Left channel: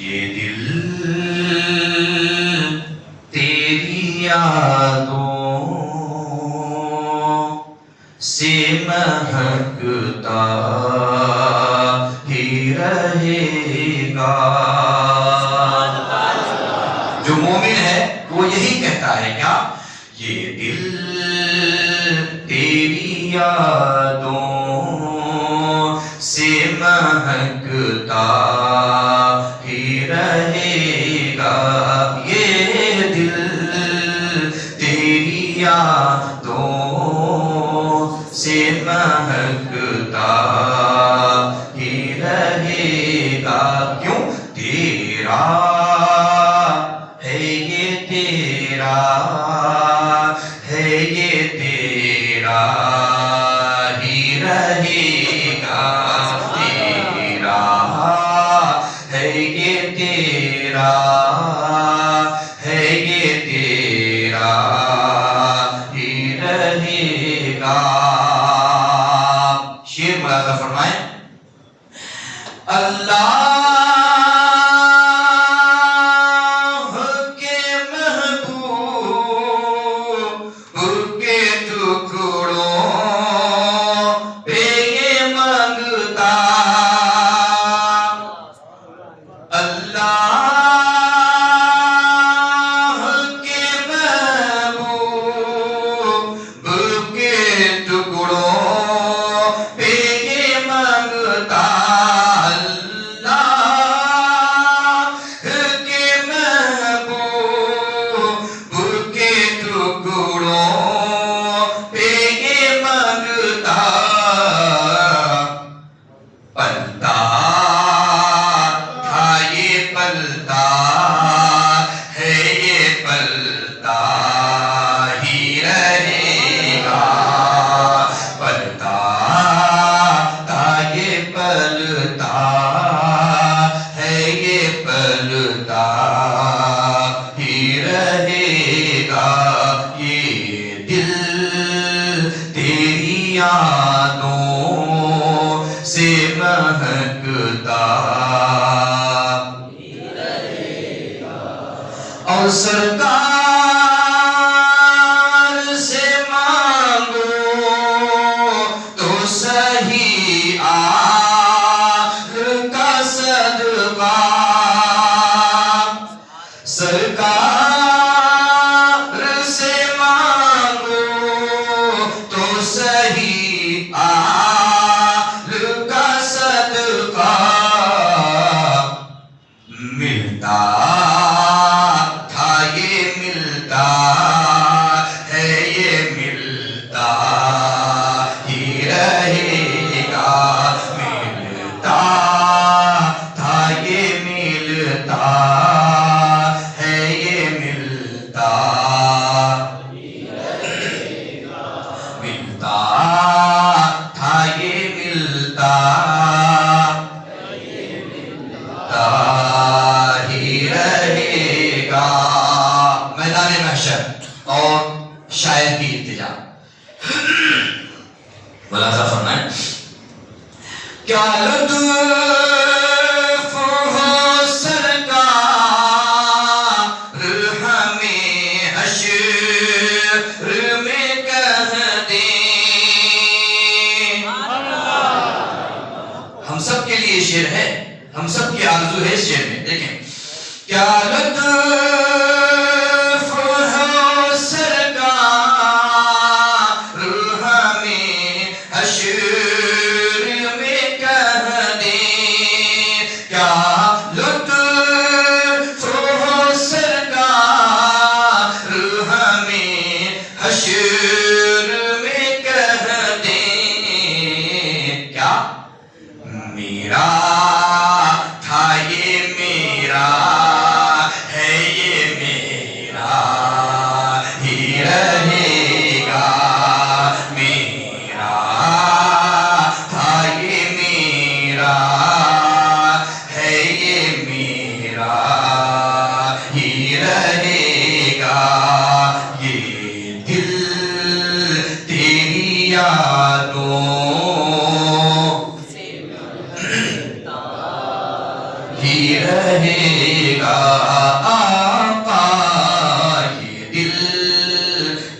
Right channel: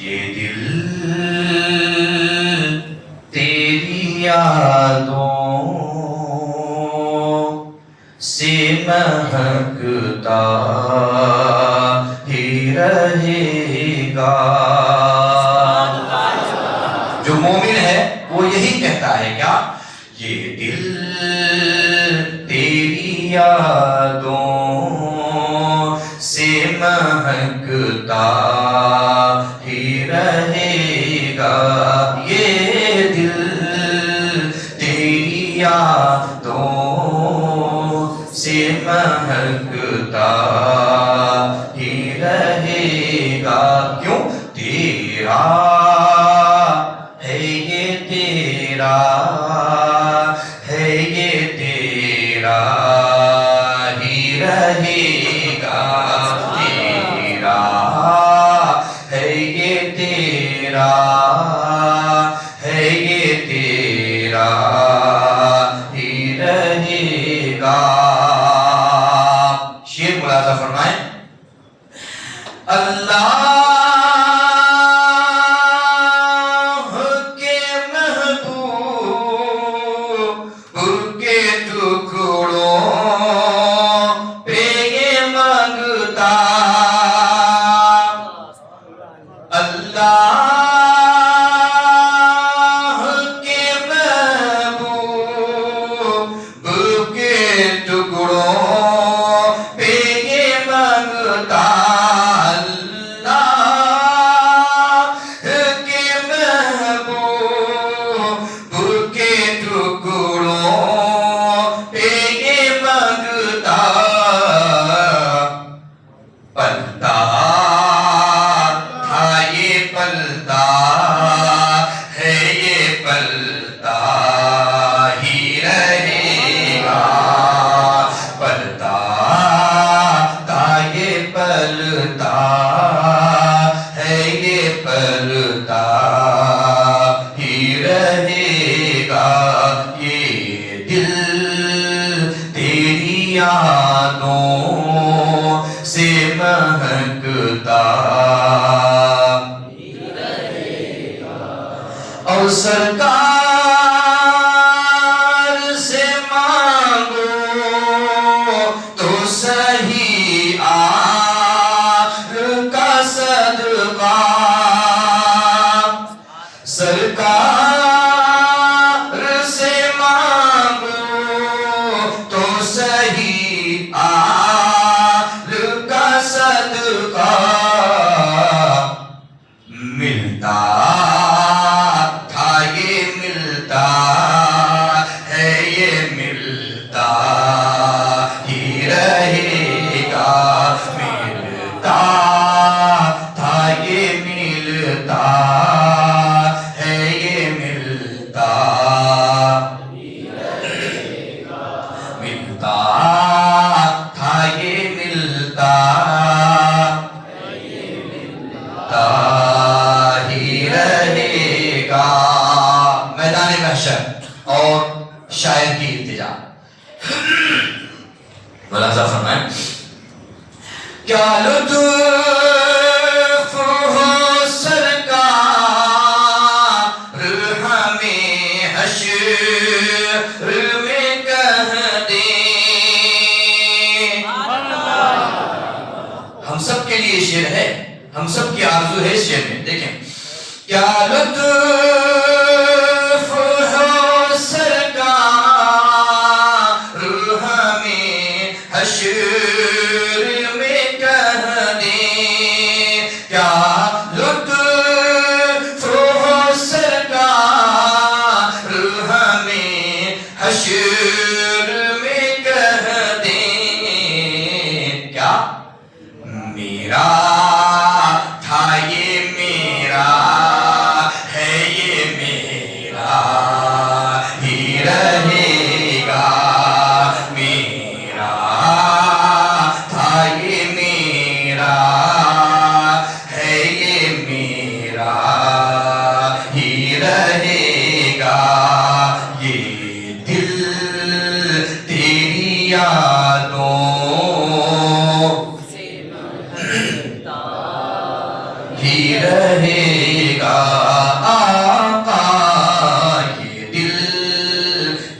یہ دل تیری یادوں سے مہکتا ہی رہے گا. جو مومن ہے وہ یہی کہتا ہے کیا؟ یہ دل تیری یادوں سے مہکتا ہی رہے گا. یہ دل تیری یادوں سے مہکتا ہی رہے گا. کیوں؟ تیرا ہے یہ تیرا ہے یہ تیرا ہی رہے گا. تیرا ہے یہ تیرا ہے یہ تیرا ہی رہے گا. شعر ملاحظہ فرمائیں. اللہ کے محبوب کے ٹکڑوں پہ یہ مانگتا. اللہ کے محبوب کے ٹکڑوں پہ یہ مانگتا. اور سرکار سے مانگو تو صحیح آہ کا صدقہ. سرکار سے مانگو تو صحیح آہ کا صدقہ. ملتا اور شاعر کی التجا. ملاحظہ فرمائیں. کیا لطف ہو سرکار ہمیں حشر میں کہہ دیں. ہم سب کے لیے شعر ہے, ہم سب کی آرزو ہے اس شعر میں. دیکھیں کیا لطف میرا تھا یہ میرا ہے یہ ہی رہے گا آقا، یہ دل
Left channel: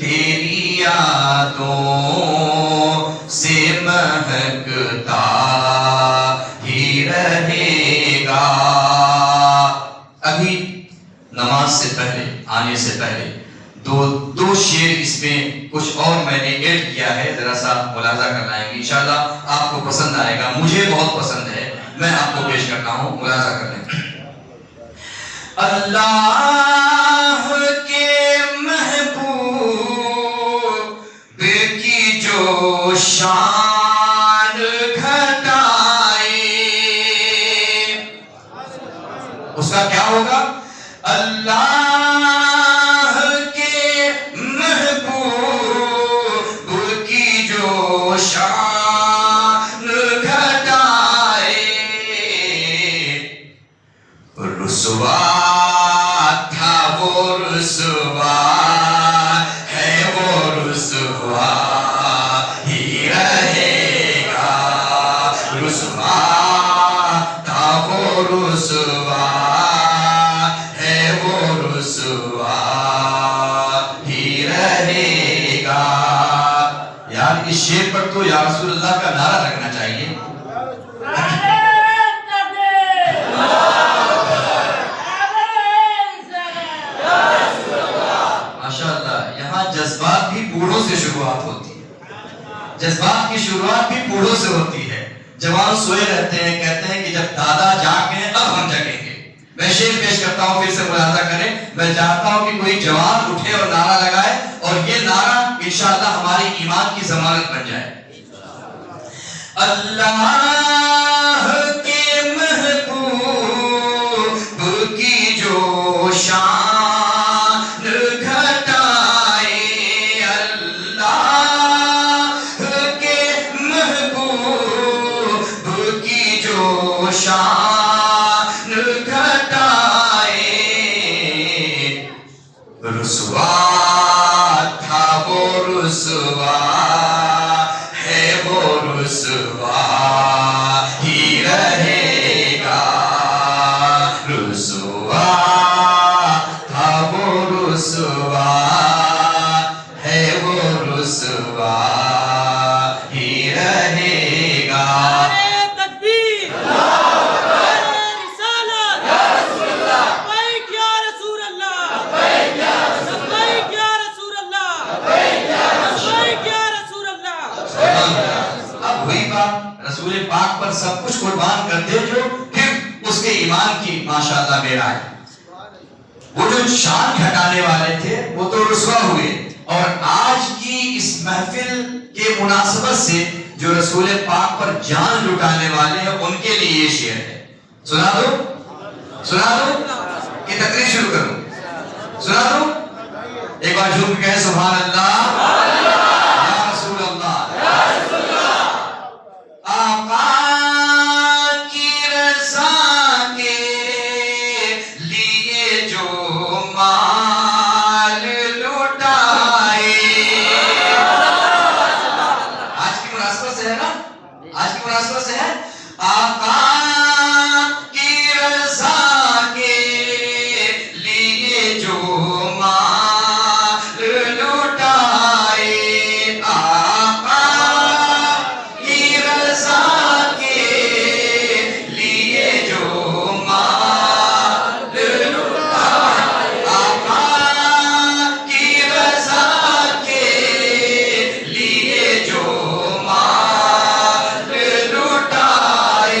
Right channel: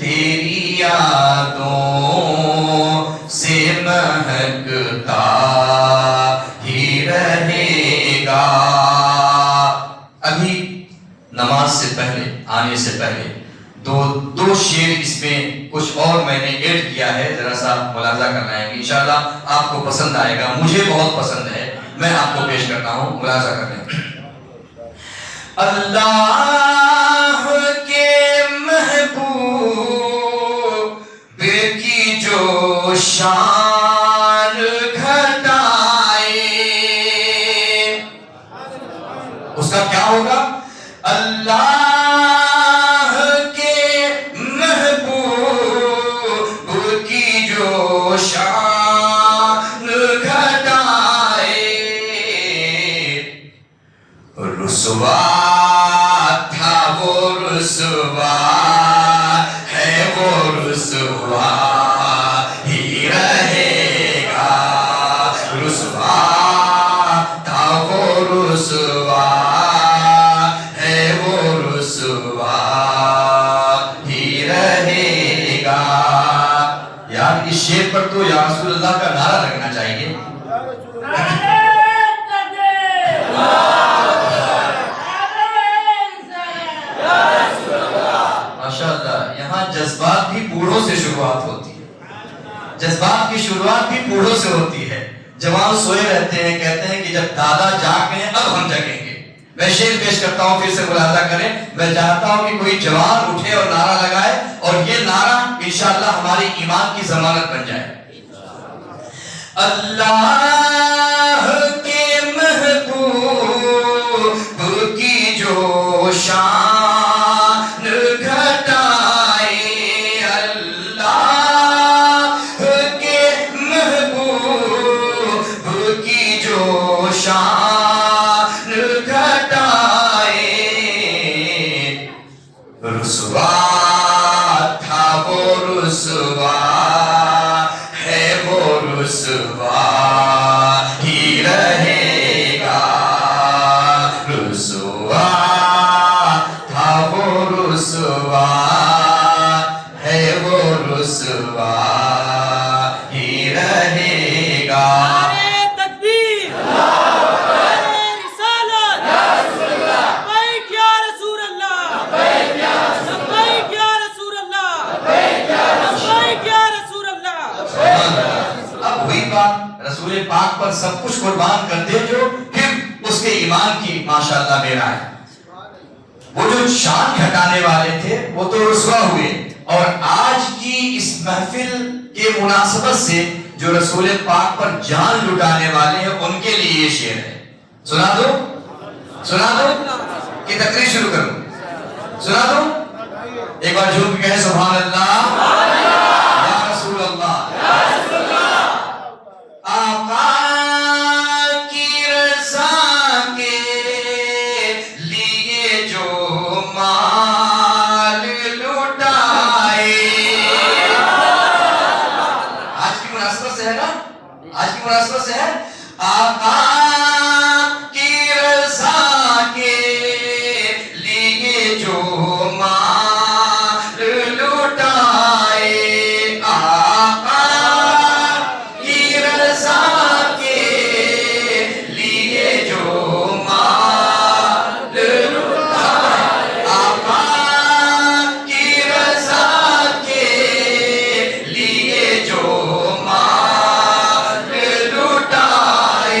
تیری یادوں سے مہکتا ہی رہے گا۔ ابھی نماز سے پہلے آنے سے پہلے دو شعر اس میں کچھ اور میں نے ایڈ کیا ہے، ذرا سا ملاحظہ کرنا ہے، انشاءاللہ آپ کو پسند آئے گا، مجھے بہت پسند ہے، میں آپ کو پیش کرتا ہوں، ملاحظہ کرنا ہے۔ اللہ کے محبوب کی جو شان گھٹائے، اس کا کیا ہوگا؟ اللہ کے محبوب کی جو شان گھٹائے، رسوا تھا وہ رسوا ہے، وہ رسوا ہی رہے گا، رسوا تھا وہ رسوا ہے، وہ رسوا ہی رہے گا۔ یار اس شعر پر تو یا رسول اللہ کا نعرہ لگنا چاہیے۔ جذبات بھی بوڑھوں سے شروعات ہوتی ہے، جذبات کی شروعات بھی بوڑھوں سے ہوتی ہے۔ جوان سوئے رہتے ہیں، کہتے ہیں کہ جب دادا جاگ گئے اب ہم جگیں گے۔ میں شعر پیش کرتا ہوں، پھر سے ملاحظہ کریں۔ میں چاہتا ہوں کہ کوئی جوان اٹھے اور نعرہ لگائے، اور یہ نعرہ انشاءاللہ ہماری ایمان کی ضمانت بن جائے۔ اللہ کے محبوب کی جو شان گھٹائے، اللہ کے محبوب کی جو شان گھٹائے، رسوا تھا وہ رسوا ہے، وہ رسوا ہی رہے گا، رسوا تھا وہ رسوا ہے، وہ رسوا ہی رہے گا۔ اب وہی بات، رسول پاک پر سب کچھ قربان کر دے جو پھر اس کے ایمان کی ماشاءاللہ میرا ہے۔ وہ جو شان گھٹانے والے تھے وہ تو رسوا ہوئے، اور آج کی اس محفل کے مناسبت سے جو رسول پاک پر جان لٹانے والے ہیں ان کے لیے یہ شعر ہے۔ سنا دو کہ تقریر شروع کروں؟ سنا دو؟ ایک بار جھوم کے کہیں سبحان اللہ، یا رسول اللہ۔ آقا کی رضا کے لیے جو مال لٹائے، آج کی مناسبت سے ہے نا، آج کی مناسبت سے ہے، آقا کی رضا کے لیے جو مال لٹائے، آقا کی رضا کے لیے جو مال لٹائے، آقا کی رضا کے لیے جو مال لٹائے،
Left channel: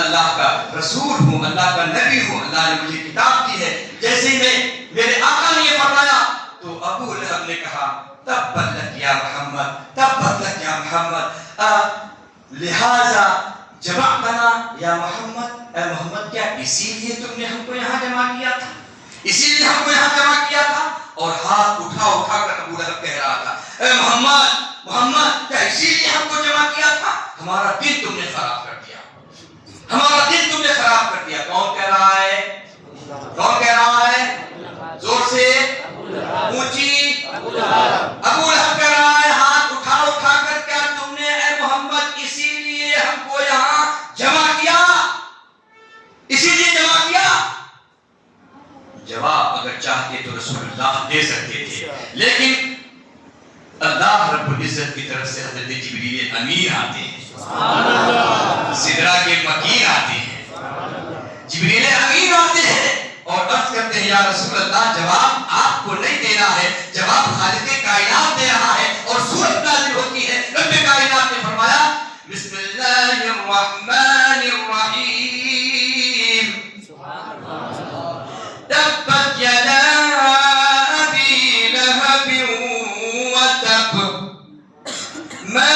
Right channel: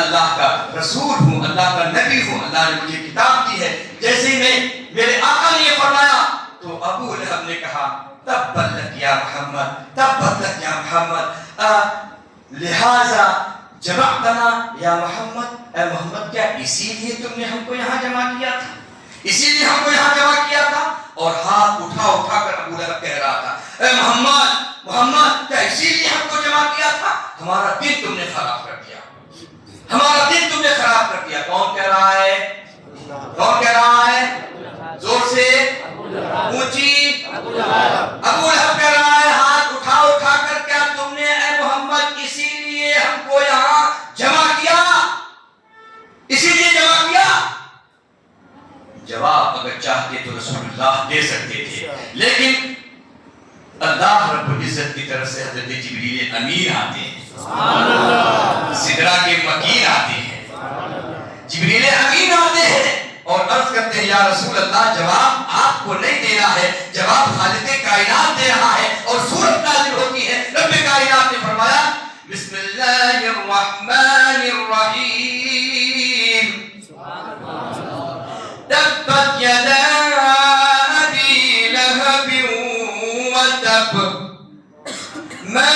اللہ کا رسول ہوں، اللہ کا نبی ہوں، اللہ نے مجھے کتاب دی ہے. جیسے ہی میں میرے آقا نے یہ فرمایا تو ابو لہب نے کہا تبت لک یا محمد، تبت لک یا محمد، لہذا جمعتنا یا محمد، اے محمد کیا اسی لیے تم نے ہم کو یہاں جمع کیا تھا، اسی لیے ہم کو یہاں جمع کیا تھا؟ اور ہاتھ اٹھا اٹھا کر ابو لہب کہہ رہا تھا اے محمد محمد کیا اسی لیے ہم کو جمع کیا تھا؟ ہمارا دل تم نے خراب کر دیا، ہمارا دل تم نے خراب کر دیا. کون کہہ رہا ہے؟ کون کہہ رہا ہے؟ زور سے اونچی. ابو لہب کہہ رہا ہے ہاتھ اٹھا اٹھا کر کیا تم نے اے محمد اسی لیے ہم کو یہاں جمع کیا، اسی لیے جمع کیا؟ جواب اگر چاہتے تو رسول اللہ دے سکتے تھے، لیکن اللہ رب العزت کی طرف سے حضرت جبریل امین آتے ہیں، سدرہ کے مکین آتے ہیں، جبریل امین آتے ہیں اور عرض کرتے ہیں یا رسول اللہ جواب آپ کو نہیں دینا ہے، جواب خالق کائنات دے رہا ہے. اور سورت نازل ہوتی ہے، رب کائنات نے فرمایا بسم اللہ الرحمن الرحیم تبت یدا ابی لہب وتب ما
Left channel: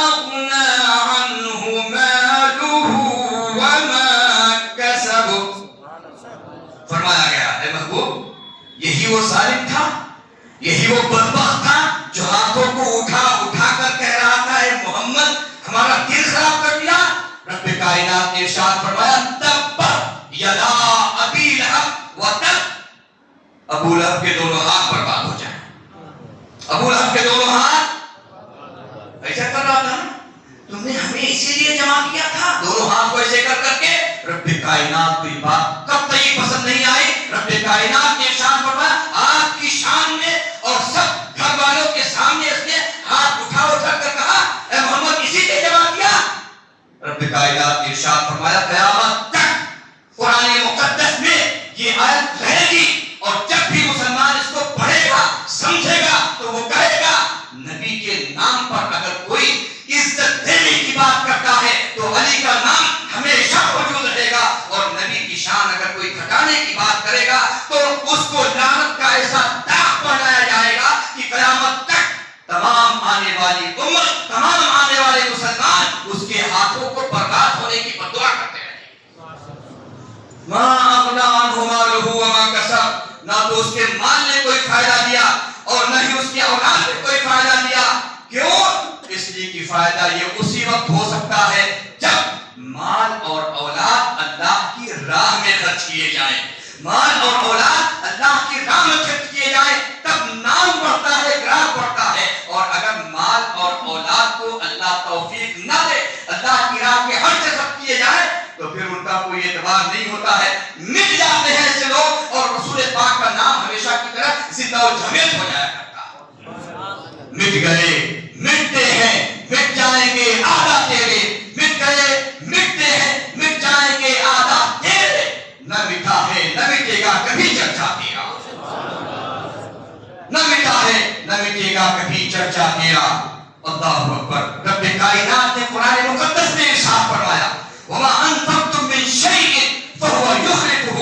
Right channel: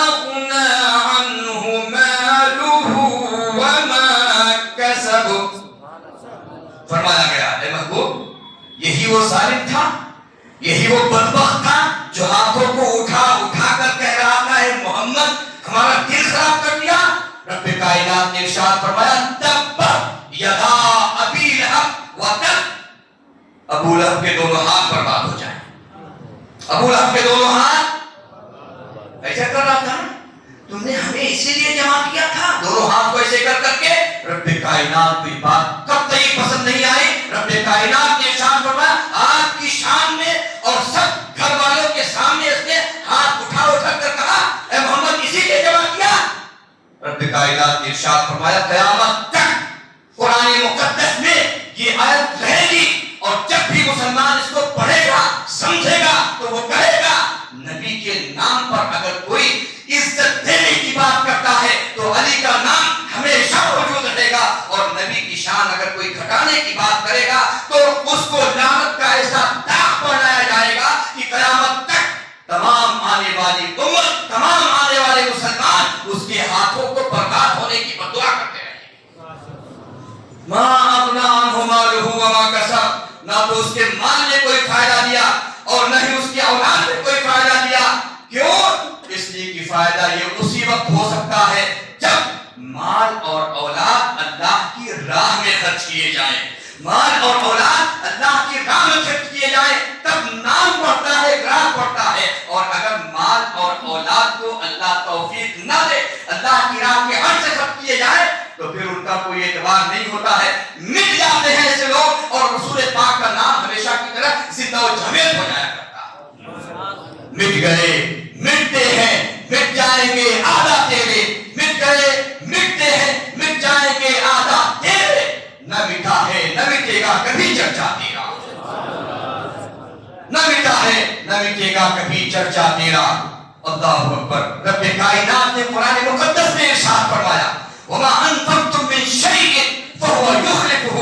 اغنى عنه ماله وما كسب. فرمایا گیا اے محبوب یہی وہ ظالم تھا، یہی وہ بدبخت تھا جو ہاتھوں کو اٹھا اٹھا کر کہہ رہا تھا اے محمد ہمارا دل خراب کر دیا. رب کائنات نے ارشاد فرمایا تبت یدا ابی لہب وتب، ابو لہب کے دونوں ہاتھ برباد ہو جائیں. ابو لہب کے دونوں ہاتھ ایسے کر رہا تھا نا، تم نے ہمیں اسی لیے جمع کیا تھا. دونوں ہاتھ کو ایسے کر کر کے رب کائنات کی بات کب تک پسند نہیں آئی. رب کائنات نے ارشاد فرمایا آپ کی شان میں اور سب گھر والوں کے سامنے اس نے ہاتھ اٹھا اٹھا کر کہا اے محمد اسی لیے جمع کیا. رب کائنات نے ارشاد فرمایا قیامت تک قرآن مقدس میں یہ آیت رہے گی اور جب بھی مسلمان اس کو پڑھے گا سمجھے گا تو وہ کہے گا نبی کے نام پر اگر کوئی عزت دینے کی بات کرتا ہے تو علی کا نام ہمیشہ موجود رہے گا، اور نبی کی شان اگر کوئی گھٹانے کی بات کرے گا تو اس کو لعنت کا ایسا داغ پہنایا جائے گا کہ قیامت تک تمام آنے والی امت، تمام آنے والے مسلمان اس کے ہاتھوں کو برباد ہونے کی بددعا کرتے رہیں. ما اغنى عنه ماله وما كسب، نہ تو اس کے مال نے کوئی فائدہ دیا اور نہ ہی اس کی اولاد نے کوئی فائدہ دیا. کیوں؟ اس لیے کہ فائدہ یہ اسی وقت ہو سکتا ہے جب مال اور اولاد اللہ کی راہ میں خرچ کیے جائیں. مال اور اولاد اللہ کی راہ میں خرچ کیے جائیں تب نام بڑھتا ہے، گراہ بڑھتا ہے. اور اگر مال اور اولاد کو اللہ توفیق نہ دے، اللہ کی راہ کے ہر سے خرچ کیے جائیں تو پھر ان کا کوئی اعتبار نہیں ہوتا ہے. مٹ جاتے ہیں ایسے لوگ اور رسول پاک کا نام ہمیشہ کی طرح زندہ و جاوید ہو جایا کرتا. مٹ گئے مٹتے ہیں مٹ جائیں گے آدھا تیرے، مٹ گئے مٹتے ہیں مٹ جائیں گے آدھا تیرے. نہ مٹا ہے نہ مٹے گا کبھی چرچا تیرا، نہ مٹا ہے نہ مٹے گا کبھی چرچا تیرا. اللہ اکبر. رب کائنات نے قرآن مقدس میں ارشاد فرمایا وَمَا أَنفَقْتُم مِّن شَيْءٍ فَهُوَ يُخْلِفُهُ.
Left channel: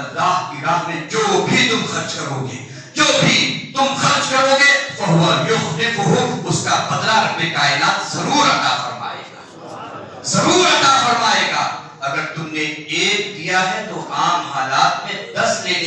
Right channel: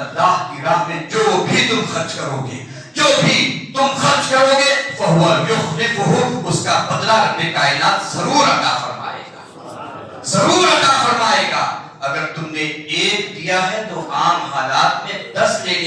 اللہ کی راہ میں جو بھی تم خرچ کرو گے، جو بھی تم خرچ کرو گے فَهُوَ يُخْلِفُهُ، اس کا بدلہ رب کائنات ضرور عطا فرمائے گا، ضرور عطا فرمائے گا. اگر تم نے ایک دیا ہے تو عام حالات میں 10 لے